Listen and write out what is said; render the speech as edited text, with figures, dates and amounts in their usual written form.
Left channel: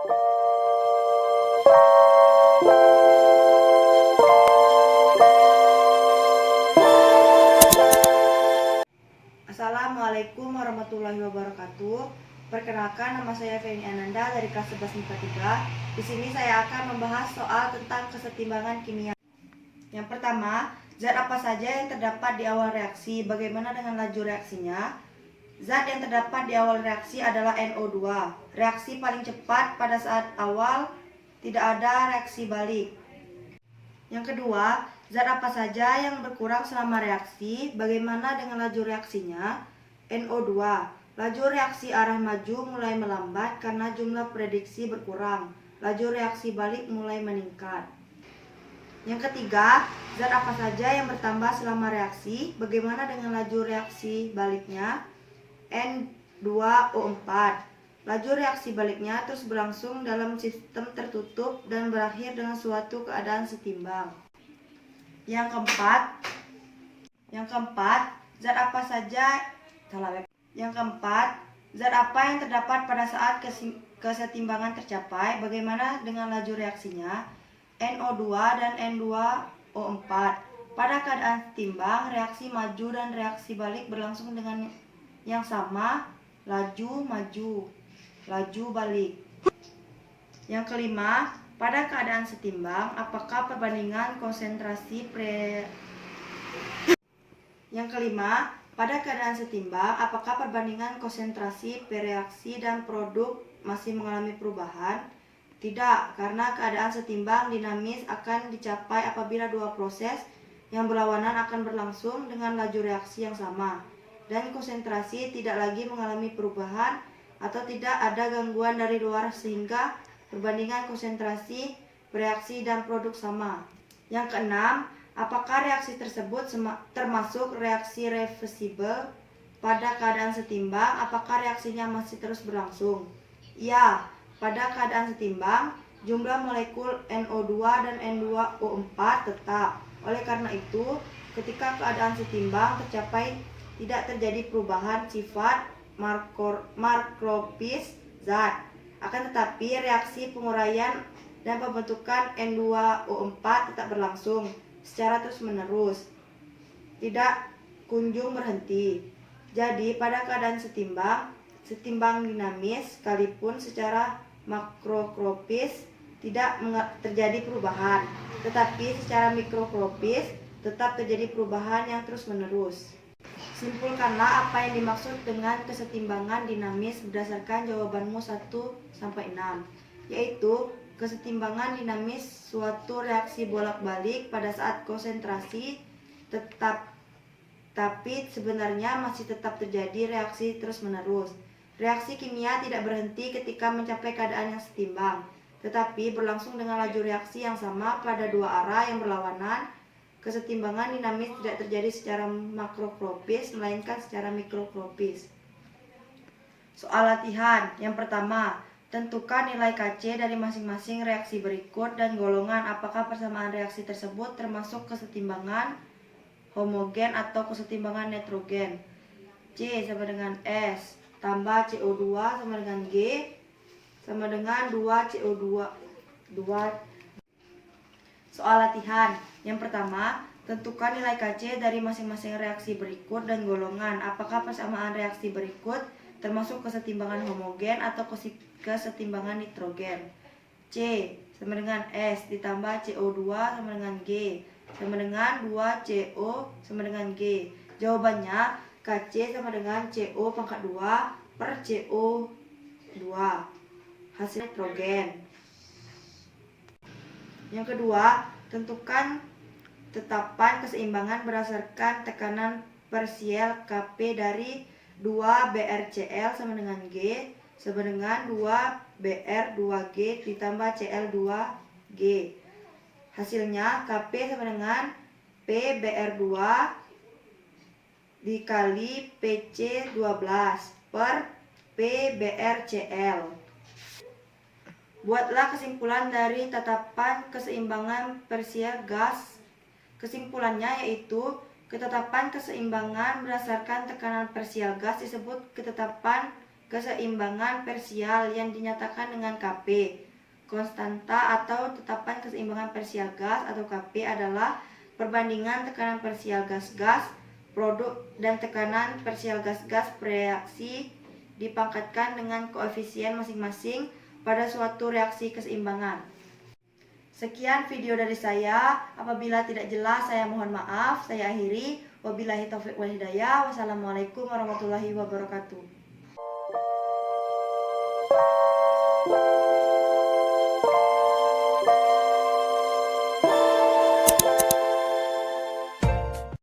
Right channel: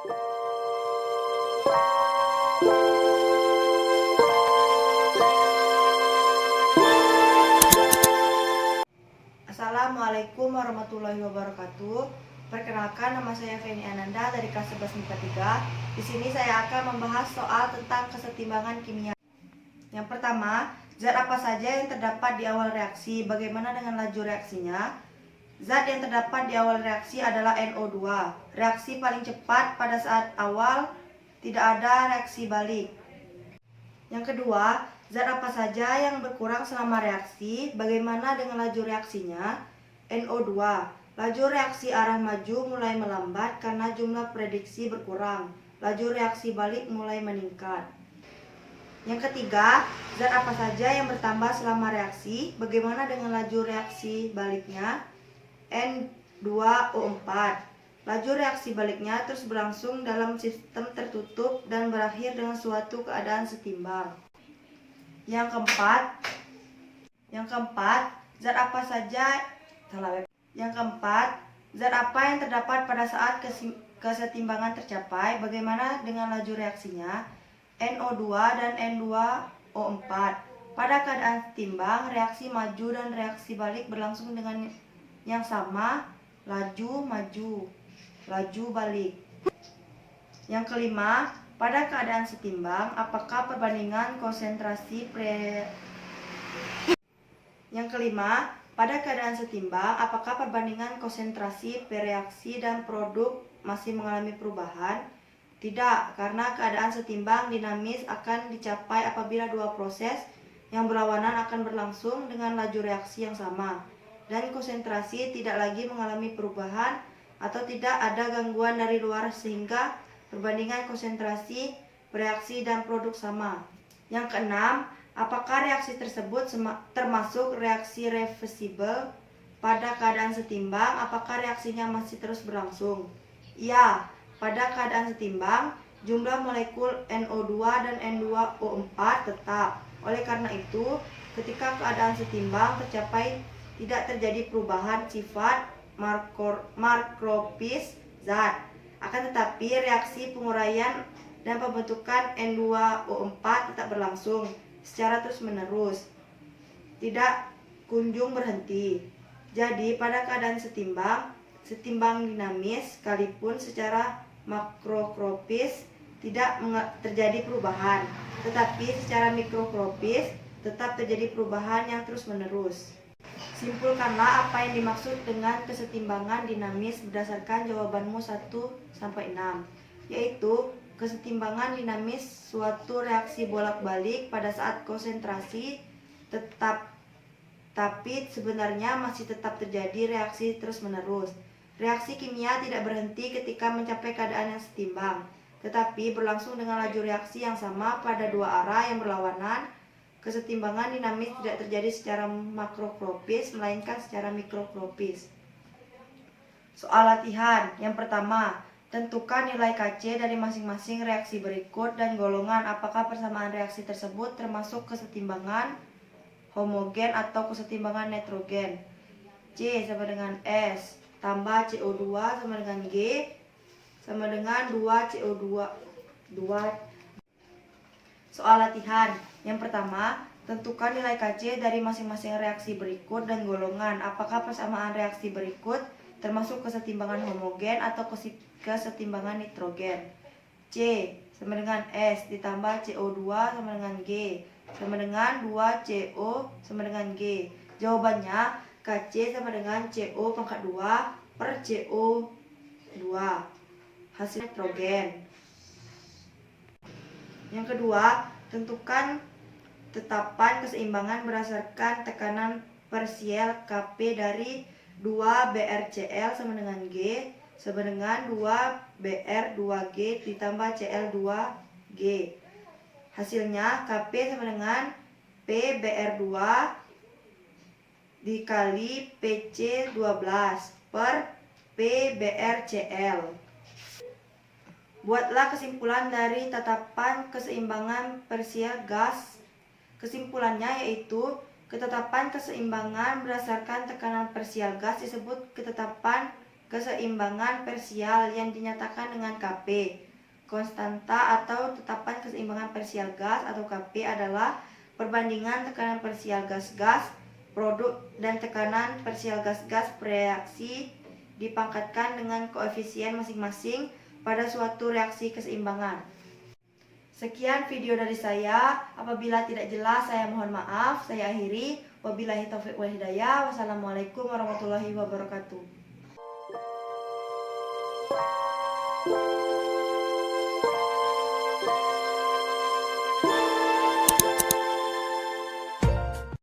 Assalamualaikum warahmatullahi wabarakatuh. Perkenalkan, nama saya Feni Ananda dari kelas 11 MIPA 3. Di sini saya akan membahas soal tentang kesetimbangan kimia. Yang pertama, zat apa saja yang terdapat di awal reaksi? Bagaimana dengan laju reaksinya? Zat yang terdapat di awal reaksi adalah NO2. Reaksi paling cepat pada saat awal, tidak ada reaksi balik. Yang kedua, zat apa saja yang berkurang selama reaksi? Bagaimana dengan laju reaksinya? NO2. Laju reaksi arah maju mulai melambat karena jumlah prediksi berkurang. Laju reaksi balik mulai meningkat. Yang ketiga, zat apa saja yang bertambah selama reaksi? Bagaimana dengan laju reaksi baliknya? N2O4. Laju reaksi baliknya terus berlangsung dalam sistem tertutup dan berakhir dengan suatu keadaan setimbang. Yang keempat, zat apa saja Yang keempat, zat apa yang terdapat pada saat kesetimbangan tercapai? Bagaimana dengan laju reaksinya? NO2 dan N2O4. Pada keadaan setimbang, reaksi maju dan reaksi balik berlangsung dengan yang sama, laju maju, laju balik. Yang kelima, pada keadaan setimbang, apakah perbandingan konsentrasi reaksi dan produk masih mengalami perubahan? Tidak, karena keadaan setimbang dinamis akan dicapai apabila dua proses yang berlawanan akan berlangsung dengan laju reaksi yang sama, dan konsentrasi tidak lagi mengalami perubahan atau tidak ada gangguan dari luar sehingga perbandingan konsentrasi reaksi dan produk sama. Yang keenam, apakah reaksi tersebut termasuk reaksi reversibel? Pada keadaan setimbang, apakah reaksinya masih terus berlangsung? Ya, pada keadaan setimbang, jumlah molekul NO2 dan N2O4 tetap. Oleh karena itu, ketika keadaan setimbang tercapai, tidak terjadi perubahan sifat makroskopis zat. Akan tetapi, reaksi penguraian dan pembentukan N2O4 tetap berlangsung secara terus-menerus, tidak kunjung berhenti. Jadi, pada keadaan setimbang dinamis, sekalipun secara makroskopis tidak terjadi perubahan, tetapi secara mikroskopis tetap terjadi perubahan yang terus-menerus. Simpulkanlah apa yang dimaksud dengan kesetimbangan dinamis berdasarkan jawabanmu 1-6, yaitu kesetimbangan dinamis suatu reaksi bolak-balik pada saat konsentrasi tetap, tapi sebenarnya masih tetap terjadi reaksi terus-menerus. Reaksi kimia tidak berhenti ketika mencapai keadaan yang setimbang, tetapi berlangsung dengan laju reaksi yang sama pada dua arah yang berlawanan. Kesetimbangan dinamis tidak terjadi secara makroskopis, melainkan secara mikroskopis. Soal latihan. Yang pertama, tentukan nilai Kc dari masing-masing reaksi berikut dan golongan apakah persamaan reaksi tersebut termasuk kesetimbangan homogen atau kesetimbangan nitrogen. C sama dengan S tambah CO2 sama dengan G sama dengan 2 CO2. Soal latihan. Yang pertama, tentukan nilai Kc dari masing-masing reaksi berikut dan golongan apakah persamaan reaksi berikut termasuk kesetimbangan homogen atau kesetimbangan nitrogen. C sama dengan S ditambah CO2 sama dengan G sama dengan 2CO sama dengan G. Jawabannya Kc sama dengan CO pangkat 2 per CO2. Hasil nitrogen. Yang kedua, tentukan tetapan keseimbangan berdasarkan tekanan parsial Kp dari 2 BrCl sama dengan G sama dengan 2 Br2G ditambah Cl2G. Hasilnya Kp sama dengan PBr2 dikali PC12 per PBrCl. Buatlah kesimpulan dari tetapan keseimbangan parsial gas. Kesimpulannya yaitu ketetapan keseimbangan berdasarkan tekanan parsial gas disebut ketetapan keseimbangan parsial yang dinyatakan dengan Kp. Konstanta atau tetapan keseimbangan parsial gas atau Kp adalah perbandingan tekanan parsial gas-gas produk dan tekanan parsial gas-gas bereaksi dipangkatkan dengan koefisien masing-masing pada suatu reaksi keseimbangan. Sekian video dari saya. Apabila tidak jelas saya mohon maaf. Saya akhiri. Wabillahi taufiq wal hidayah. Wassalamualaikum warahmatullahi wabarakatuh.